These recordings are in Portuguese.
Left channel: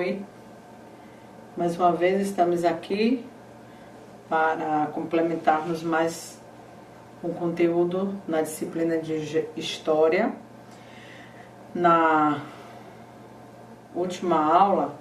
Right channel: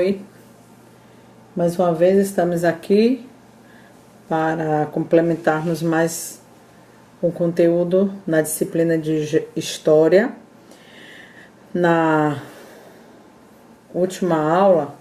abençoe. Mais uma vez estamos aqui para complementarmos mais um conteúdo na disciplina de História. Na última aula,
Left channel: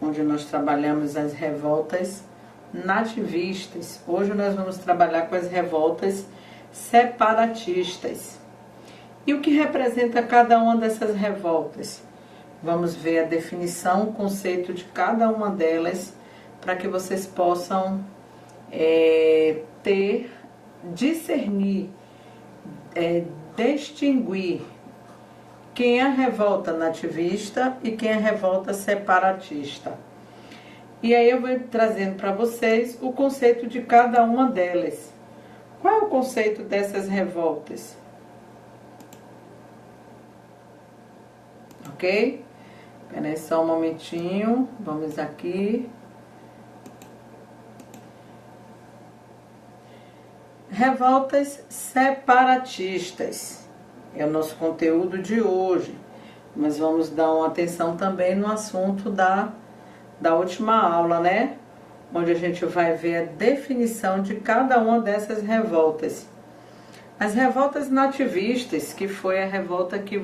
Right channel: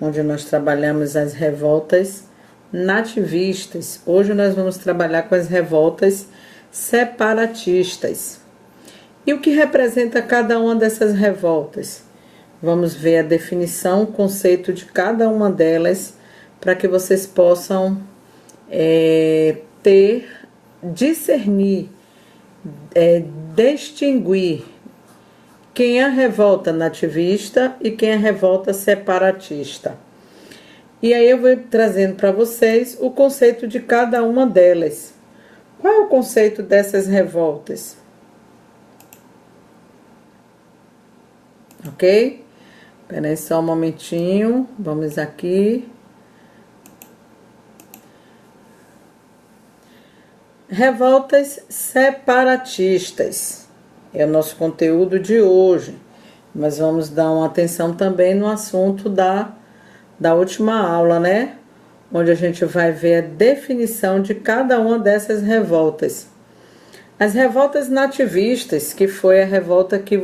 onde nós trabalhamos as revoltas nativistas, hoje nós vamos trabalhar com as revoltas separatistas. E o que representa cada uma dessas revoltas? Vamos ver a definição, o conceito de cada uma delas, para que vocês possam discernir, distinguir quem é a revolta nativista e quem é a revolta separatista. E aí eu vou trazendo para vocês o conceito de cada uma delas. Qual é o conceito dessas revoltas? Ok? Espera aí só um momentinho. Vamos aqui. Revoltas separatistas. É o nosso conteúdo de hoje. Mas vamos dar uma atenção também no assunto da última aula, né? Onde a gente vai ver a definição de cada uma dessas revoltas. As revoltas nativistas, que foi a revolta que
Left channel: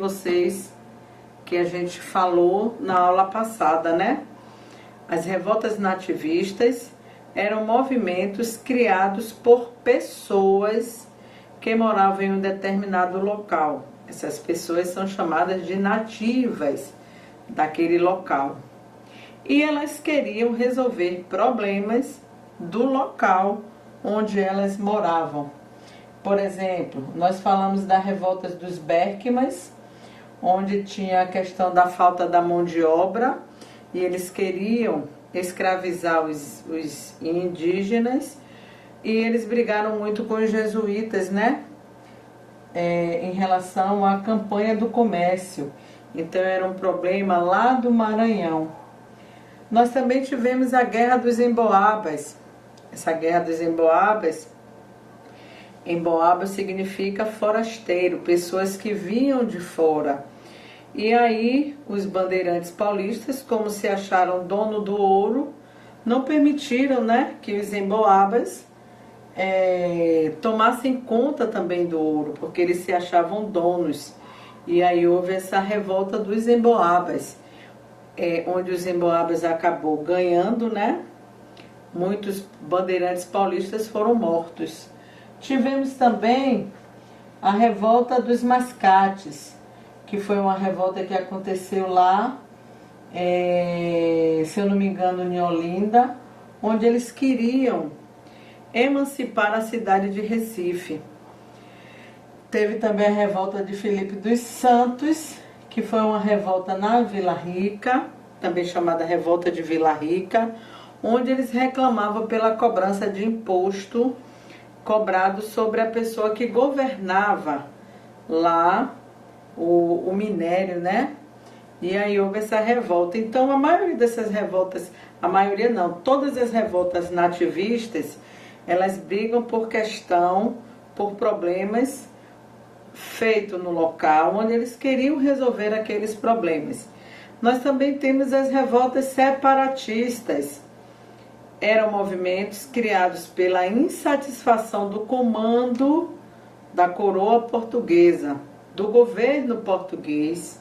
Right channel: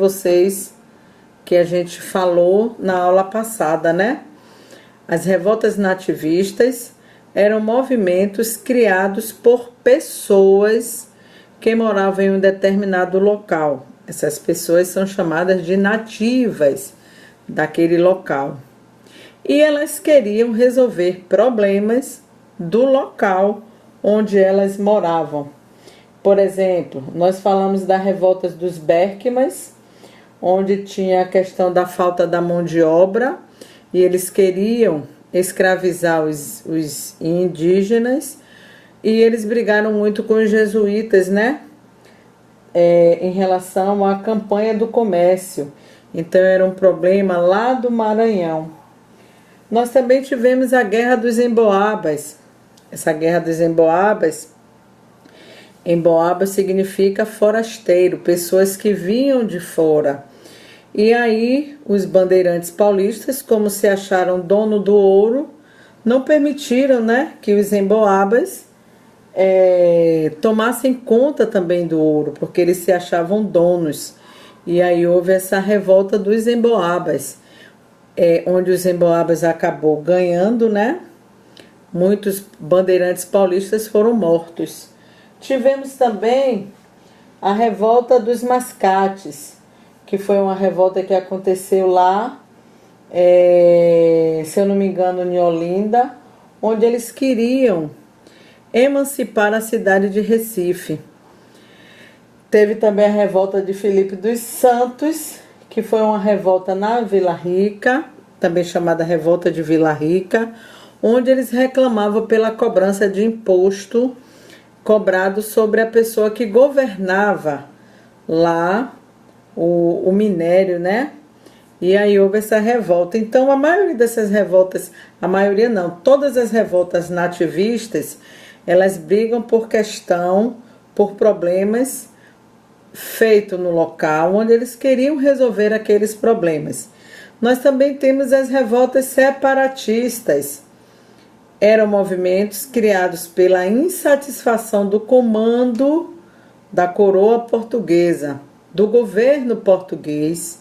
a gente falou na aula passada, né? As revoltas nativistas eram movimentos criados por pessoas que moravam em um determinado local. Essas pessoas são chamadas de nativas daquele local. E elas queriam resolver problemas do local onde elas moravam. Por exemplo, nós falamos da revolta dos Berkmans, onde tinha a questão da falta da mão de obra, e eles queriam escravizar os indígenas, e eles brigaram muito com os jesuítas, né? Em relação à campanha do comércio. Então era um problema lá do Maranhão. Nós também tivemos a Guerra dos Emboabas. Essa Guerra dos Emboabas, Emboaba significa forasteiro, pessoas que vinham de fora. E aí os bandeirantes paulistas, como se acharam dono do ouro, não permitiram, né, que os emboabas tomassem conta também do ouro, porque eles se achavam donos. E aí houve essa revolta dos emboabas, onde os emboabas acabou ganhando, né? Muitos bandeirantes paulistas foram mortos. Tivemos também a revolta dos mascates, que foi uma revolta que aconteceu lá, se eu não me engano, em Olinda, onde eles queriam emancipar a cidade de Recife. Teve também a revolta de Filipe dos Santos, que foi uma revolta na Vila Rica, também chamada revolta de Vila Rica, onde eles reclamavam pela cobrança de imposto cobrado sobre a pessoa que governava lá o minério, né? E aí houve essa revolta. Então a maioria dessas revoltas, a maioria não, todas as revoltas nativistas, elas brigam por problemas feitos no local onde eles queriam resolver aqueles problemas. Nós também temos as revoltas separatistas. Eram movimentos criados pela insatisfação do comando da coroa portuguesa, do governo português,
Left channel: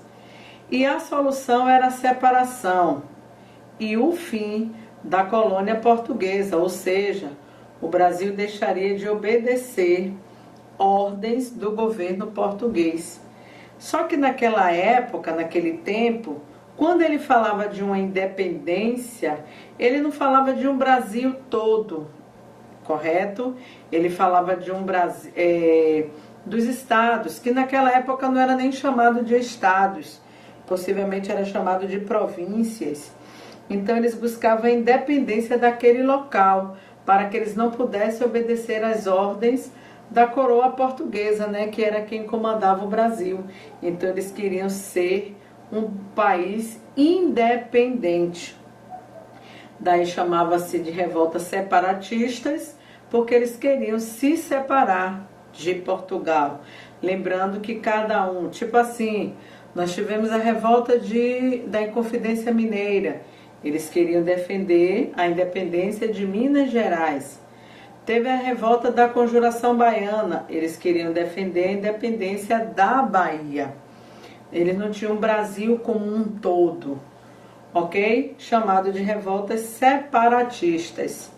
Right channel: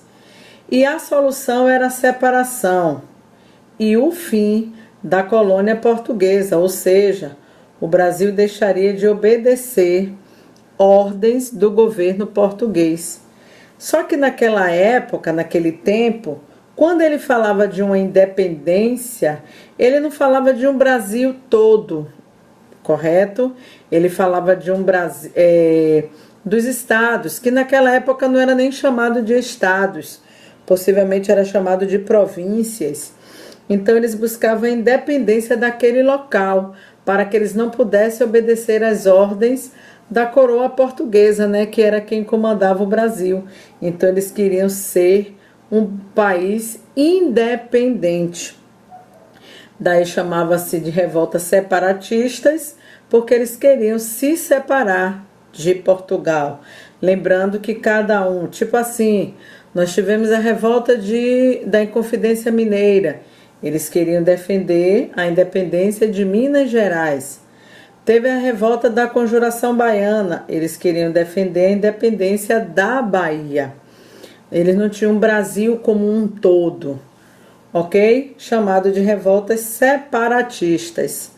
e a solução era a separação e o fim da colônia portuguesa, ou seja, o Brasil deixaria de obedecer ordens do governo português. Só que naquela época, naquele tempo, quando ele falava de uma independência, ele não falava de um Brasil todo, correto? Ele falava de um Brasil, dos estados, que naquela época não era nem chamado de estados, possivelmente era chamado de províncias. Então eles buscavam a independência daquele local, para que eles não pudessem obedecer às ordens da coroa portuguesa, né, que era quem comandava o Brasil. Então eles queriam ser um país independente. Daí chamava-se de revoltas separatistas, porque eles queriam se separar de Portugal. Lembrando que cada um, tipo assim, Nós tivemos a revolta da Inconfidência Mineira. Eles queriam defender a independência de Minas Gerais. Teve a revolta da Conjuração Baiana. Eles queriam defender a independência da Bahia. Eles não tinham um Brasil como um todo, ok? Chamado de revoltas separatistas.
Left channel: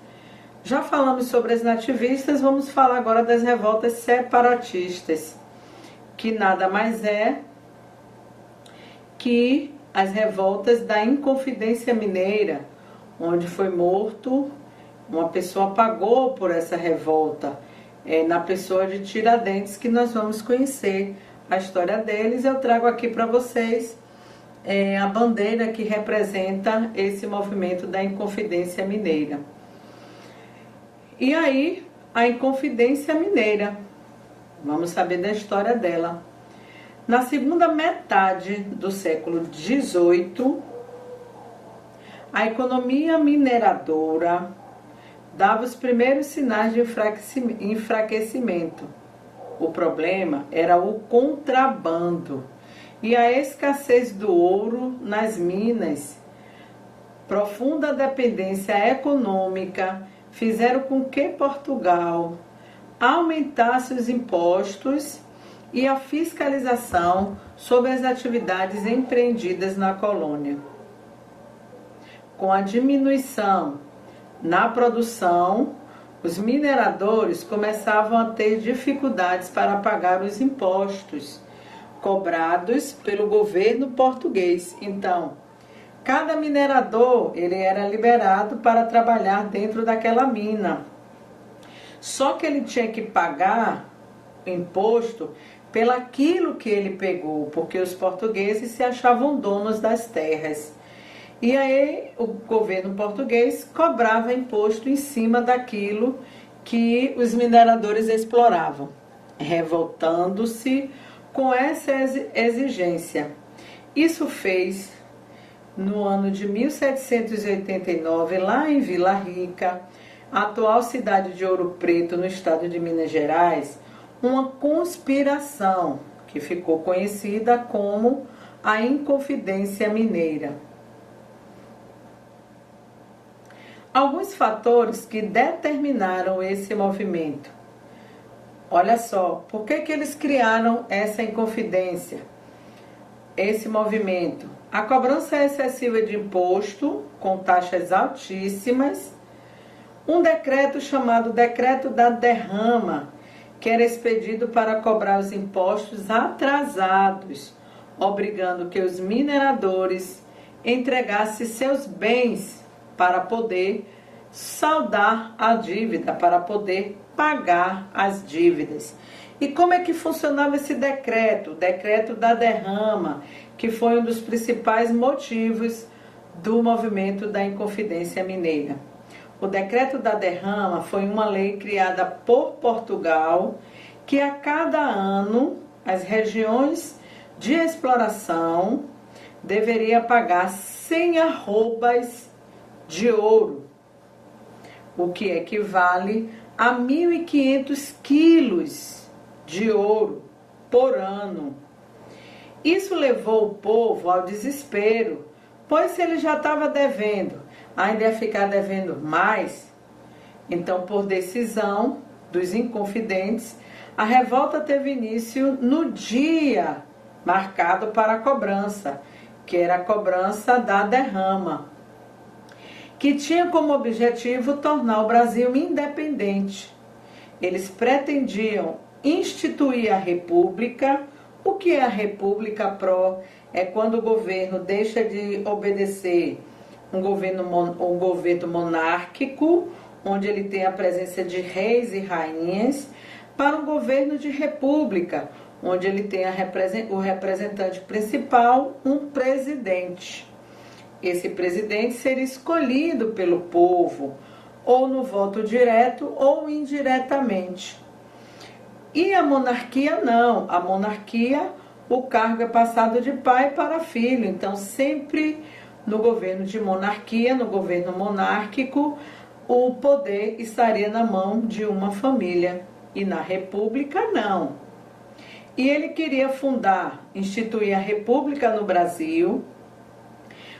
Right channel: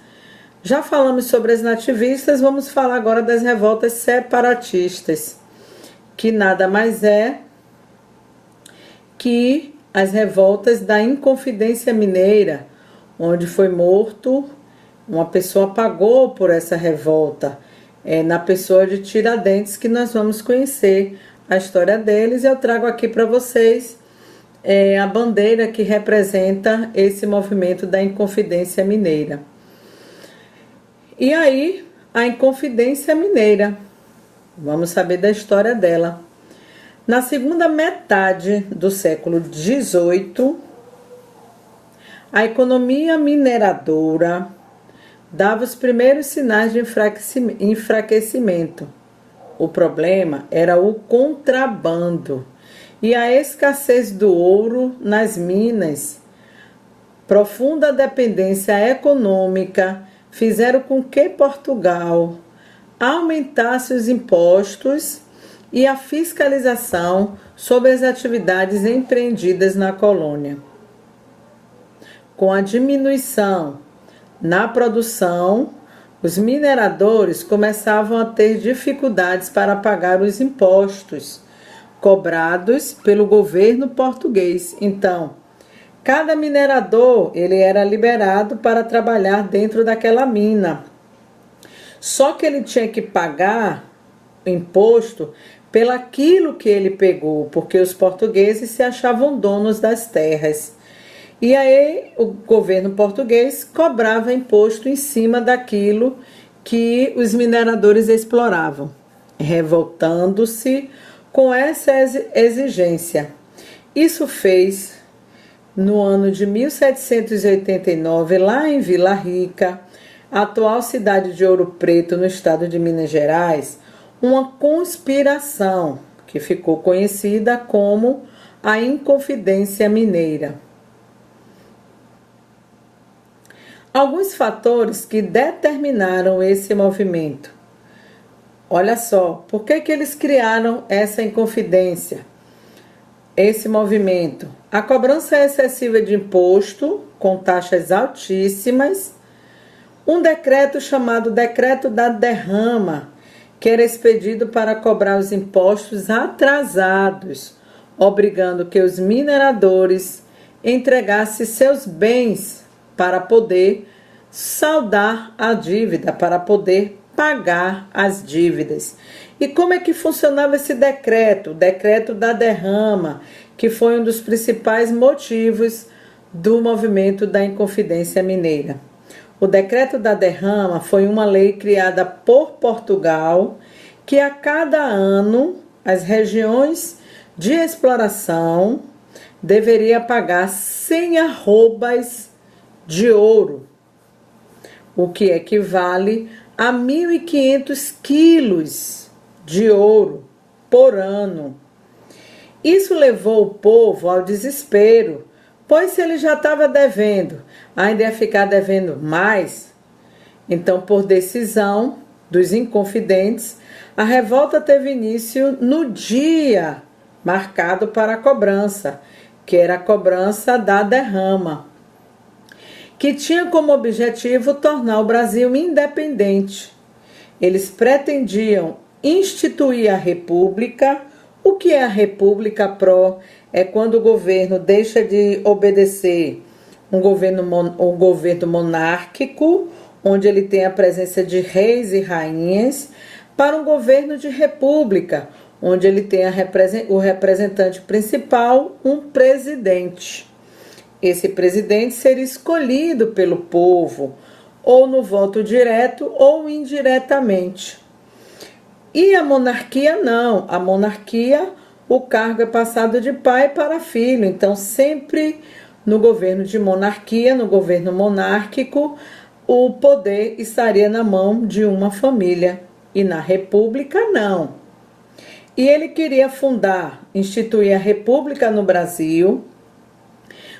Já falamos sobre as nativistas, vamos falar agora das revoltas separatistas, que nada mais é que as revoltas da Inconfidência Mineira, onde foi morto, uma pessoa pagou por essa revolta, na pessoa de Tiradentes, que nós vamos conhecer a história deles. Eu trago aqui para vocês a bandeira que representa esse movimento da Inconfidência Mineira. E aí, a Inconfidência Mineira, vamos saber da história dela. Na segunda metade do século XVIII, a economia mineradora dava os primeiros sinais de enfraquecimento. O problema era o contrabando e a escassez do ouro nas minas. Profunda dependência econômica fizeram com que Portugal aumentasse os impostos e a fiscalização sobre as atividades empreendidas na colônia. Com a diminuição na produção, os mineradores começavam a ter dificuldades para pagar os impostos cobrados pelo governo português. Então, cada minerador ele era liberado para trabalhar dentro daquela mina. Só que ele tinha que pagar imposto pelaquilo que ele pegou, porque os portugueses se achavam donos das terras. E aí o governo português cobrava imposto em cima daquilo que os mineradores exploravam, revoltando-se com essa exigência. Isso fez, no ano de 1789, lá em Vila Rica, a atual cidade de Ouro Preto, no estado de Minas Gerais, uma conspiração que ficou conhecida como a Inconfidência Mineira. Alguns fatores que determinaram esse movimento. Olha só, por que eles criaram essa inconfidência, esse movimento? A cobrança excessiva de imposto, com taxas altíssimas, um decreto chamado Decreto da Derrama, que era expedido para cobrar os impostos atrasados, obrigando que os mineradores entregassem seus bens para poder saldar a dívida, para poder pagar as dívidas. E como é que funcionava esse decreto? O Decreto da Derrama, que foi um dos principais motivos do movimento da Inconfidência Mineira. O Decreto da Derrama foi uma lei criada por Portugal, que a cada ano as regiões de exploração deveriam pagar 100 arrobas de ouro, o que equivale a 1.500 quilos de ouro por ano. Isso levou o povo ao desespero, pois se ele já estava devendo, ainda ia ficar devendo mais. Então, por decisão dos inconfidentes, a revolta teve início no dia marcado para a cobrança, que era a cobrança da derrama, que tinha como objetivo tornar o Brasil independente. Eles pretendiam instituir a República. O que é a República Pró? É quando o governo deixa de obedecer um governo monárquico, onde ele tem a presença de reis e rainhas, para um governo de república, onde ele tem o representante principal, um presidente. Esse presidente seria escolhido pelo povo, ou no voto direto ou indiretamente. E a monarquia não. A monarquia, o cargo é passado de pai para filho. Então, sempre no governo de monarquia, no governo monárquico, o poder estaria na mão de uma família. E na república, não. E ele queria instituir a República no Brasil,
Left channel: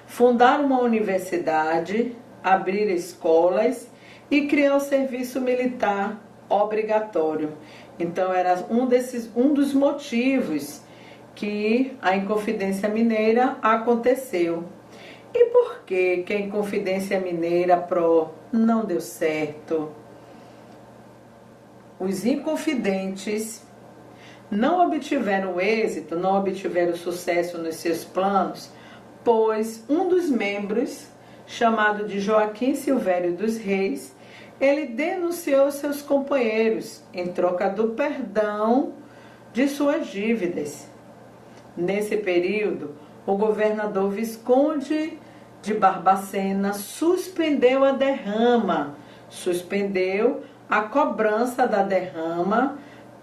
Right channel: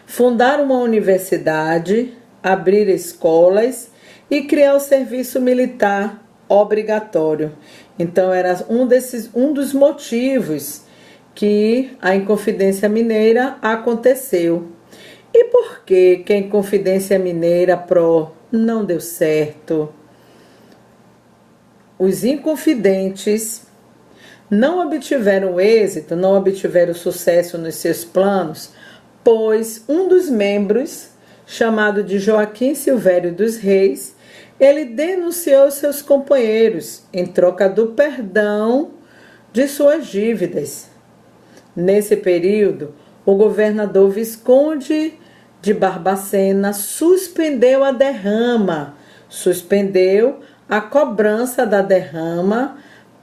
fundar uma universidade, abrir escolas e criar o serviço militar obrigatório. Então era um dos motivos que a Inconfidência Mineira aconteceu. E por que a Inconfidência Mineira Pro não deu certo? Os inconfidentes não obtiveram êxito, não obtiveram sucesso nos seus planos, pois um dos membros, chamado de Joaquim Silvério dos Reis, ele denunciou seus companheiros em troca do perdão de suas dívidas. Nesse período, o governador Visconde de Barbacena suspendeu a derrama, suspendeu a cobrança da derrama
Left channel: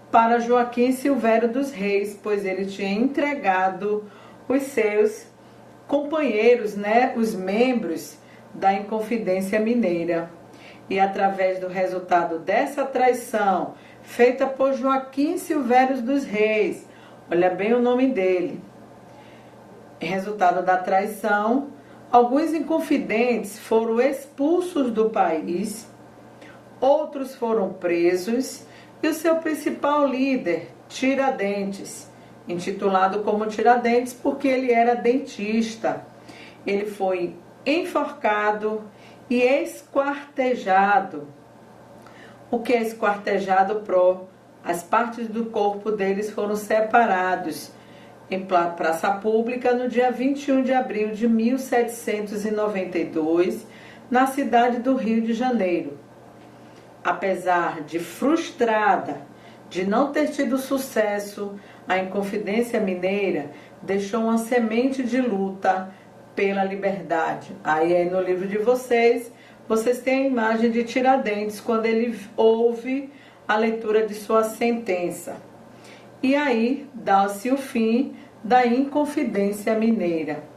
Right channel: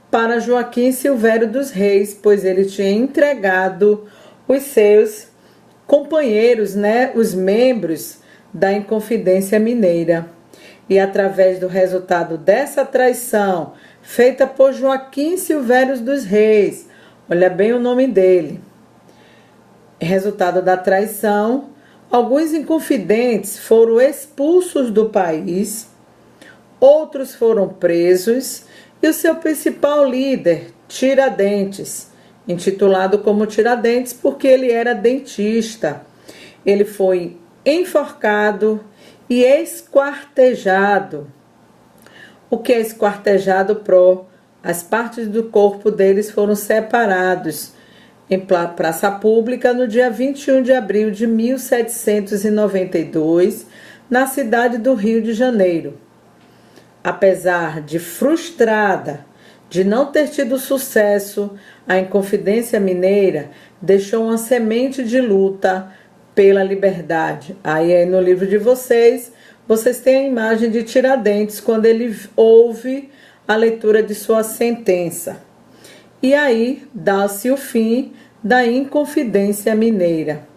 para Joaquim Silvério dos Reis, pois ele tinha entregado os seus companheiros, os membros da Inconfidência Mineira. E através do resultado dessa traição, feita por Joaquim Silvério dos Reis, olha bem o nome dele, resultado da traição, alguns inconfidentes foram expulsos do país, outros foram presos, e o seu principal líder, Tiradentes, intitulado como Tiradentes porque ele era dentista, ele foi enforcado e esquartejado. O que é esquartejado, Pro? As partes do corpo deles foram separados em praça pública no dia 21 de abril de 1792, na cidade do Rio de Janeiro. Apesar de frustrada de não ter tido sucesso, a Inconfidência Mineira deixou uma semente de luta pela liberdade. Aí no livro de vocês têm a imagem de Tiradentes quando ele ouve a leitura de sua sentença. E aí dá-se o fim da Inconfidência Mineira.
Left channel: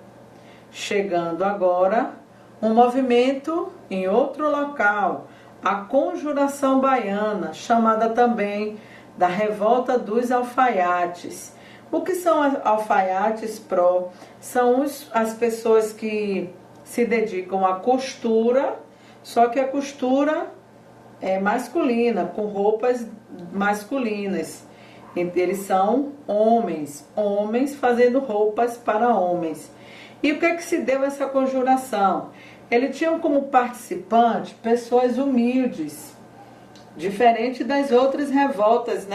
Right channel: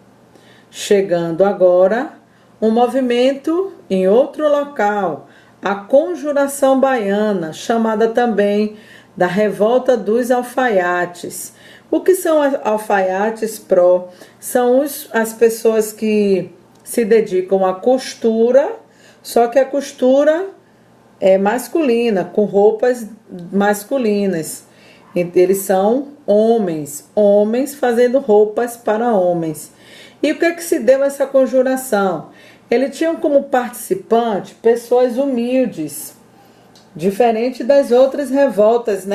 Chegando agora um movimento em outro local, a Conjuração Baiana, chamada também da Revolta dos Alfaiates. O que são alfaiates, Pro? São as pessoas que se dedicam à costura, só que a costura é masculina, com roupas masculinas. Eles são homens fazendo roupas para homens. E o que é que se deu essa conjuração? Eles tinham como participante pessoas humildes, diferente das outras revoltas,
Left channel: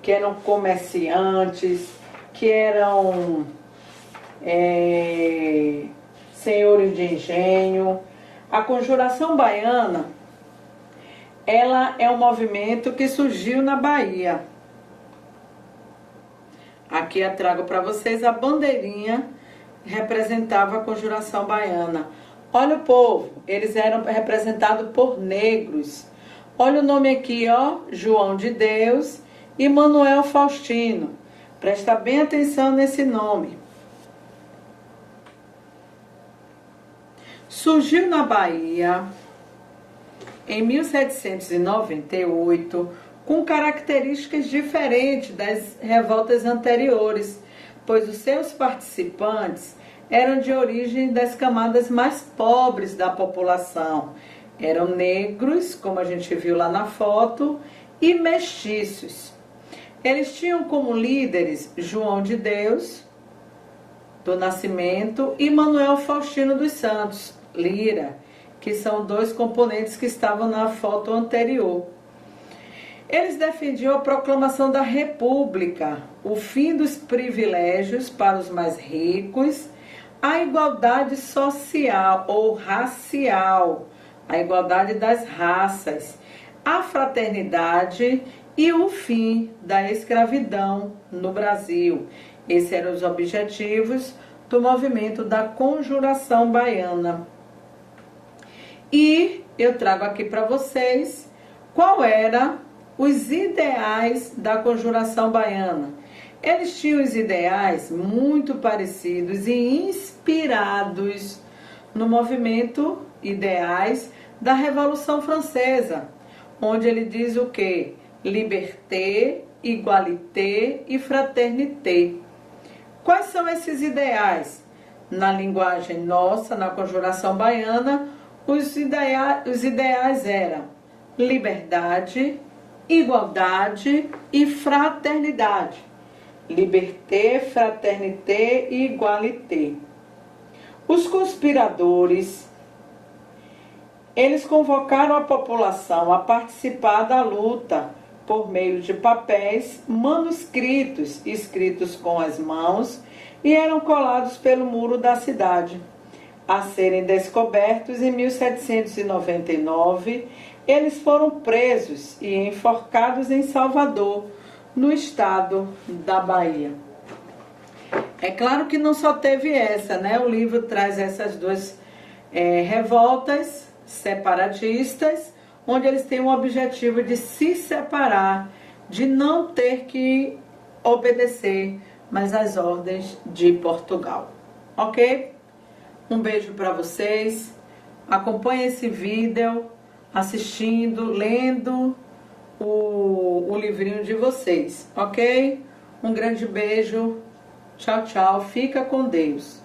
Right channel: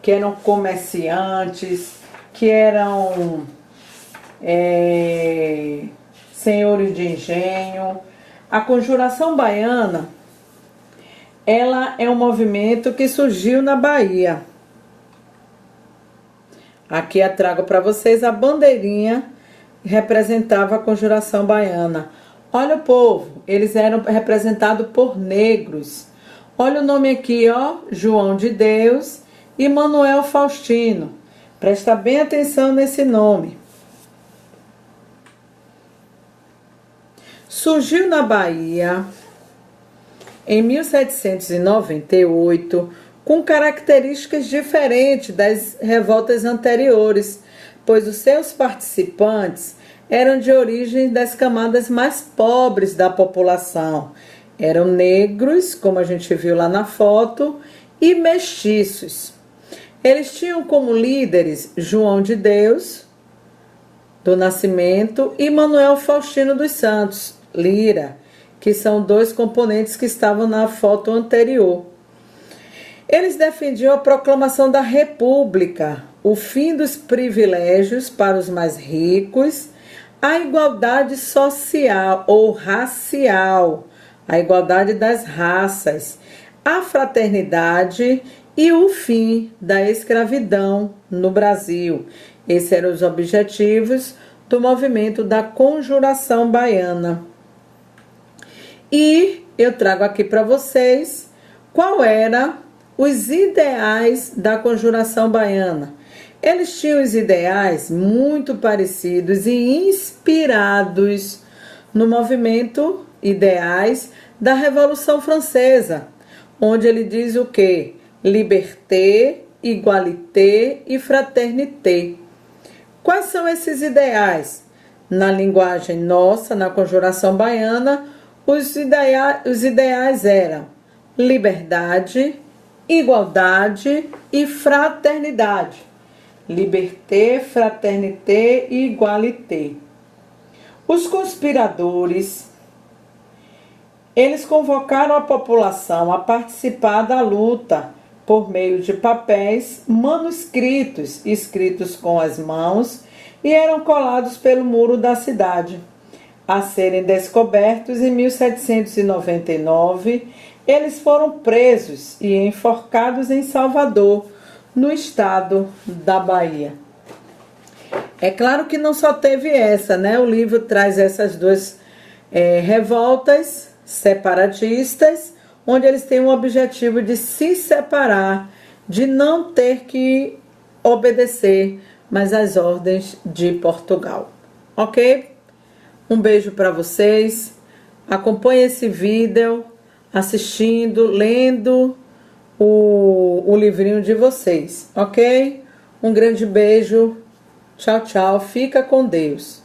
que eram comerciantes, que eram senhores de engenho. A Conjuração Baiana, ela é um movimento que surgiu na Bahia. Aqui eu trago para vocês a bandeirinha que representava a Conjuração Baiana. Olha o povo, eles eram representados por negros. Olha o nome aqui, João de Deus e Manuel Faustino. Presta bem atenção nesse nome. Surgiu na Bahia em 1798 com características diferentes das revoltas anteriores, pois os seus participantes eram de origem das camadas mais pobres da população. Eram negros, como a gente viu lá na foto, e mestiços. Eles tinham como líderes João de Deus, do Nascimento, e Manuel Faustino dos Santos, Lira, que são dois componentes que estavam na foto anterior. Eles defendiam a proclamação da República, o fim dos privilégios para os mais ricos, a igualdade social ou racial, a igualdade das raças, a fraternidade e o fim da escravidão no Brasil. Esses eram os objetivos do movimento da Conjuração Baiana. E eu trago aqui para vocês qual eram os ideais da Conjuração Baiana. Eles tinham os ideais muito parecidos e inspirados no movimento ideais da Revolução Francesa, onde ele diz o quê? Liberté, igualité e fraternité. Quais são esses ideais? Na linguagem nossa, na conjuração baiana, os ideais eram liberdade, igualdade e fraternidade. Liberté, fraternité e igualité. Os conspiradores, eles convocaram a população a participar da luta por meio de papéis manuscritos, escritos com as mãos, e eram colados pelo muro da cidade. A serem descobertos em 1799, eles foram presos e enforcados em Salvador, no estado da Bahia. É claro que não só teve essa, né? O livro traz essas duas revoltas separatistas, onde eles têm o objetivo de se separar, de não ter que obedecer mais às ordens de Portugal. Ok? Um beijo para vocês. Acompanhe esse vídeo assistindo, lendo o livrinho de vocês, ok? Um grande beijo. Tchau, tchau. Fica com Deus.